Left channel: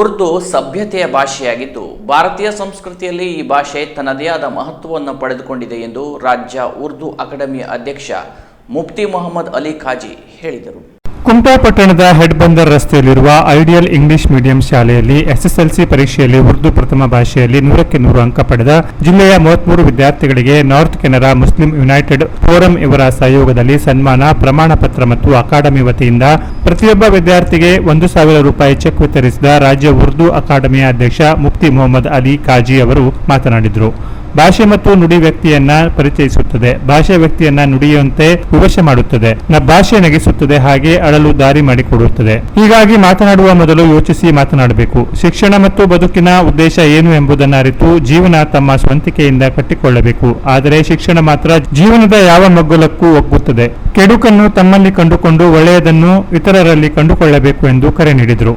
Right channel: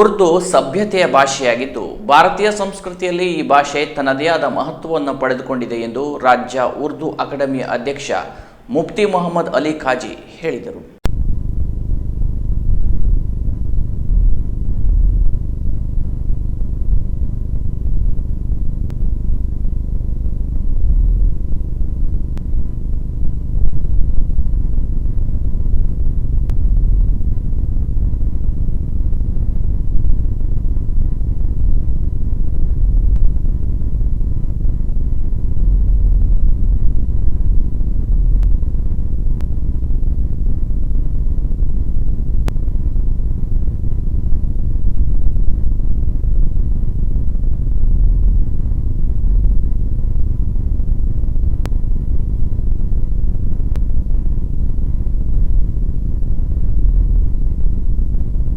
ಉರ್ದು ಸಭ್ಯತೆಯ ಭಾಷೆಯಾಗಿದ್ದು ಭಾರತೀಯ ಸಂಸ್ಕೃತಿಯಲ್ಲಿ ಈ ಭಾಷೆ ತನ್ನದೇ ಆದ ಮಹತ್ವವನ್ನು ಪಡೆದುಕೊಂಡಿದೆ ಎಂದು ರಾಜ್ಯ ಉರ್ದು ಅಕಾಡೆಮಿ ಅಧ್ಯಕ್ಷ ಮುಫ್ತಿ ಮೊಹಮ್ಮದ್ ಅಲಿ ಖಾಜಿ ಹೇಳಿದರು. ಕುಮಟಾ ಪಟ್ಟಣದ ಹೆಡ್ಬಂದರ್ ರಸ್ತೆಯಲ್ಲಿರುವ ಐಡಿಯಲ್ ಇಂಗ್ಲಿಷ್ ಮೀಡಿಯಂ ಶಾಲೆಯಲ್ಲಿ ಎಸ್ಎಸ್ಎಲ್ಸಿ ಪರೀಕ್ಷೆಯಲ್ಲಿ ಉರ್ದು ಪ್ರಥಮ ಭಾಷೆಯಲ್ಲಿ 100ಕ್ಕೆ 100 ಅಂಕ ಪಡೆದ ಜಿಲ್ಲೆಯ 33 ವಿದ್ಯಾರ್ಥಿಗಳಿಗೆ north Canara Muslim United forum ಇವರ ಸಹಯೋಗದಲ್ಲಿ ಸನ್ಮಾನ, ಪ್ರಮಾಣ ಪತ್ರ ಮತ್ತು ಅಕಾಡೆಮಿ ವತಿಯಿಂದ ಪ್ರತಿಯೊಬ್ಬ ವಿದ್ಯಾರ್ಥಿಗೆ 1,000 ರೂಪಾಯಿ ಚೆಕ್ ವಿತರಿಸಿದ ರಾಜ್ಯ ಉರ್ದು ಅಕಾಡೆಮಿಯ ಅಧ್ಯಕ್ಷ ಮುಫ್ತಿ ಮೊಹಮ್ಮದ್ ಅಲಿ ಖಾಜಿ ಅವರು ಮಾತನಾಡಿದರು. ಭಾಷೆ ಮತ್ತು ನುಡಿ ವ್ಯಕ್ತಿಯನ್ನ ಪರಿಚಯಿಸುತ್ತದೆ, ಭಾಷೆ ವ್ಯಕ್ತಿಯನ್ನ ನುಡಿಯುವಂತೆ ವಿವಶ ಮಾಡುತ್ತದೆ, ಭಾಷೆ ನಗಿಸುತ್ತದೆ, ಹಾಗೆ ಅಳಲು ದಾರಿ ಮಾಡಿಕೊಡುತ್ತದೆ. ಹೀಗಾಗಿ ಮಾತನಾಡುವ ಮೊದಲು ಯೋಚಿಸಿ ಮಾತನಾಡಬೇಕು. ಶಿಕ್ಷಣ ಮತ್ತು ಬದುಕಿನ ಉದ್ದೇಶ ಏನು ಎಂಬುದನ್ನು ಅರಿತು ಜೀವನ ತಮ್ಮ ಸ್ವಂತಿಕೆಯಿಂದ ಕಟ್ಟಿಕೊಳ್ಳಬೇಕು. ಆದರೆ ಶಿಕ್ಷಣ ಮಾತ್ರ ಜೀವನದ ಯಾವ ಮಗ್ಗುಲಕ್ಕೂ ಒಗ್ಗುತ್ತದೆ. ಕೆಡುಕನ್ನು ತಮ್ಮಲ್ಲಿ ಕಂಡುಕೊಂಡು ಒಳ್ಳೆಯದನ್ನು ಇತರರಲ್ಲಿ ಕಂಡುಕೊಳ್ಳಬೇಕು ಎಂದು ಕರೆ ನೀಡಿದರು.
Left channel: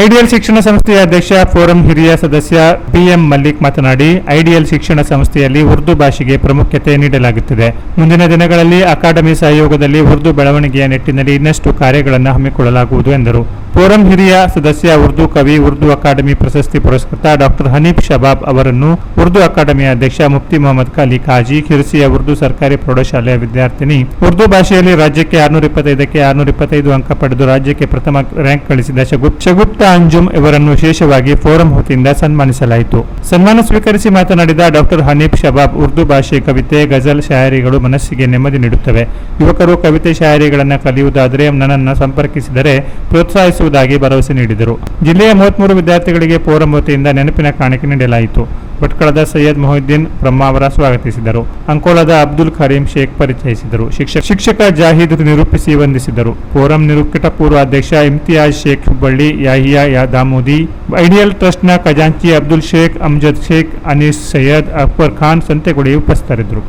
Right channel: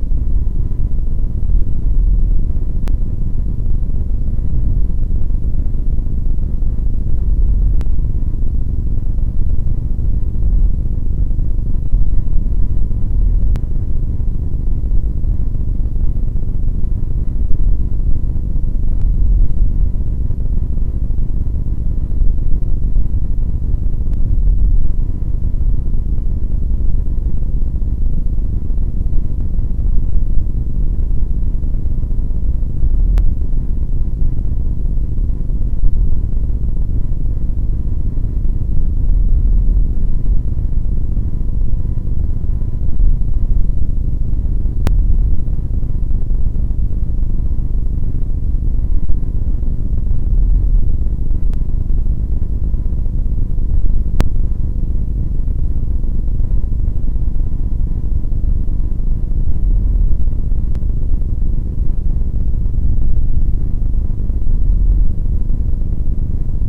ಐಡಿಯಲ್ ಶಿಕ್ಷಣ ಸಂಸ್ಥೆಯ ಅಧ್ಯಕ್ಷ ಫೋರಂ ಹಿರಿಯ ಸದಸ್ಯ ಪಿಎಂ ಮಲ್ಲಿಕ್ ಮಾತನಾಡಿ, ಐಡಿಯಲ್ ಶಿಕ್ಷಣ ಸಂಸ್ಥೆಯಲ್ಲಿ ಉರ್ದು ಭಾಷೆಗೆ ಪ್ರಾಮುಖ್ಯತೆ ನೀಡಲಾಗುತ್ತಿದೆ. ಮುಂದಿನ ದಿನಗಳಲ್ಲಿ ಅಕಾಡೆಮಿ ಸಹಯೋಗದಲ್ಲಿ ಉರ್ದು ಬೆಳವಣಿಗೆಯ ನಿಟ್ಟಿನಲ್ಲಿ ಇನ್ನಷ್ಟು ಕಾರ್ಯಗಳನ್ನು ಹಮ್ಮಿಕೊಳ್ಳಲಾಗುವುದು ಎಂದರು. ಫೋರಂ ಹಿರಿಯ ಸದಸ್ಯ ಉರ್ದು ಕವಿ, ಉರ್ದು ಅಕಾಡೆಮಿ ಪ್ರಶಸ್ತಿ ಪುರಸ್ಕೃತ ಡಾಕ್ಟರ್ ಹನೀಫ್ ಶಬಾಬ್ ಅವರನ್ನು ಉರ್ದು ಅಕಾಡೆಮಿಯ ಅಧ್ಯಕ್ಷ ಮುಫ್ತಿ ಮೊಹಮ್ಮದ್ ಅಲಿ ಖಾಜಿ, ಹಿರಿಸಿಯ ಉರ್ದು ಸರ್ಕಾರಿ ಪ್ರೌಢಶಾಲೆಯ ವಿದ್ಯಾರ್ಥಿನಿ, ಉರ್ದು ಭಾಷೆಯಲ್ಲಿ ರಾಜ್ಯಕ್ಕೆ 625ಕ್ಕೆ 625 ಅಂಕ ಪಡೆದು ರಾಜ್ಯಕ್ಕೆ ಪ್ರಥಮ ರ್ಯಾಂಕ್ ಗಳಿಸಿದ ಶಗುಪ್ತಾ ಅಂಜುಮ್ ಇವರನ್ನು ವಿಶೇಷವಾಗಿ ಫೋರಂ ವತಿಯಿಂದ ಸನ್ಮಾನಿಸಲಾಯಿತು. ಸನ್ಮಾನ ಸ್ವೀಕರಿಸಿ ಮಾತನಾಡಿದ ಡಾಕ್ಟರ್ ಹನೀಫ್ ಶಬಾಬ್, ಉರ್ದು ಭಾಷೆ ಕವಿತೆ, ಗಜಲ್, ಶಾಯರಿಗಳು ಮನಸ್ಸಿಗೆ ನೆಮ್ಮದಿ ನೀಡುತ್ತವೆ. ಯುವಕರು ಕವಿತೆ ಶಾಯರಿಗಳನ್ನು ಕಲಿಯುವುದಾದರೆ ನನ್ನನ್ನು ಸಂಪರ್ಕಿಸಿದರೆ ಪ್ರೋತ್ಸಾಹಿಸುವುದಾಗಿ ಭರವಸೆ ನೀಡಿದರು. ಜಿಲ್ಲೆಯ 33 ವಿದ್ಯಾರ್ಥಿಗಳಿಗೆ ಫೋರಂ ವತಿಯಿಂದ ನೆನಪಿನ ಕಾಣಿಕೆ ನೀಡಲಾಯಿತು. ಭಟ್ಕಳದ ಸೈಯದ್ ಮೊಹಿದ್ದೀನ್ ಬ್ರಹ್ಮ ಅವರ ಸ್ವಾಗತಿಸಿದರು. ಅಂಕೋಲದ ಅಬ್ದುಲ್ ಕರೀಂ ಶೇಖ್ ಪರಿಚಯಿಸಿದರು. ಶಿಕ್ಷಕ ಜಾಹಿದ್ ನಿರೂಪಿಸಿ ವಂದಿಸಿದರು. ಫೋರಂ ನಿರೂಪಿತ ಅಧ್ಯಕ್ಷ ಇಮ್ತಿಯಾಜ್ ಶೇಖ್ ಹುಬ್ಬಳ್ಳಿ, ಯಾಹಿಯಾ ದಾಮೋದಿ, ಐಡಿಯಲ್ ಟ್ರಸ್ಟ್ನ ಖಜಾಂಚಿ ಅಬ್ದುಲ್ ಶೇಖ್, ಅಮ್ಜದ್ ಶೇಖ್, ಅನೀಸ್ ಸೈಯದ್, ಅಕ್ಬರ್ ಖಾನ್ ಸಂತೆಗುಡಿ ಉಪಸ್ಥಿತರಿದ್ದರು.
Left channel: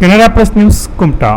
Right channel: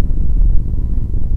Canara press news, Kumta.